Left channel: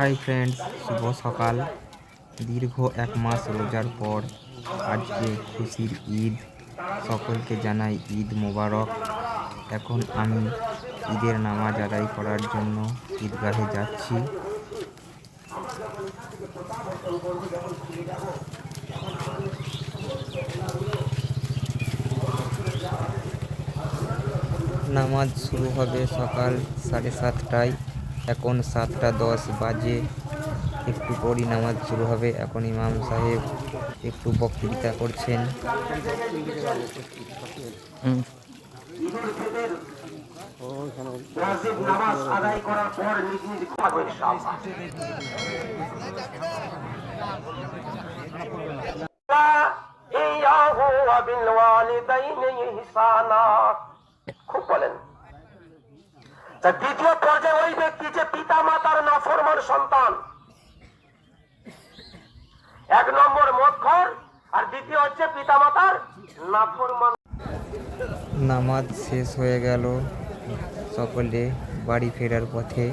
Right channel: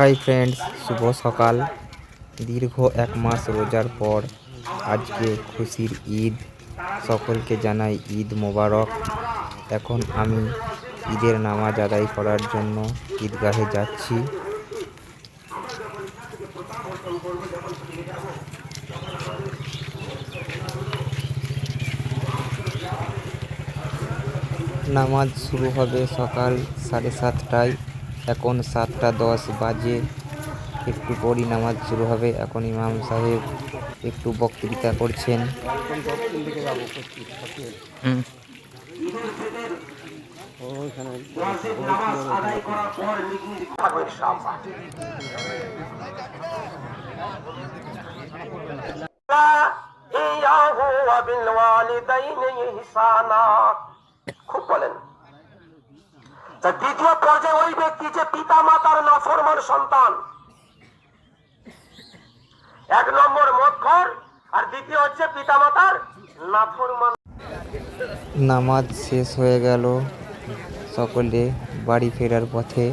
Hi friends, শুভ সকাল। দীর্ঘ 1 মাস রোজার পর আজকে খুশির ঈদ। সকলকে জানাই ঈদ মোবারক। এখন আমি ঈদের নামাজ আদায় করার জন্য ঈদগাহে যাচ্ছি। নামাজ শুরু হবে সকাল 7:30টায়। এখন 7:10 বাজে। একটু পরই নামাজ শুরু হবে। এখন ইমাম সাহেব একটু বক্তৃতা করছেন। খুব বলেন। দ্বিতীয় পর্যায়ে ওই ব্যক্তি যে পিতা মাতার নাফরমান সন্তান, 1 নম্বর মদখোর, আর দ্বিতীয় হচ্ছে পিতা মাতার নাফরমান। নামাজ শেষ হয়ে গেল। সকলে বাড়ি ফেরার পথে।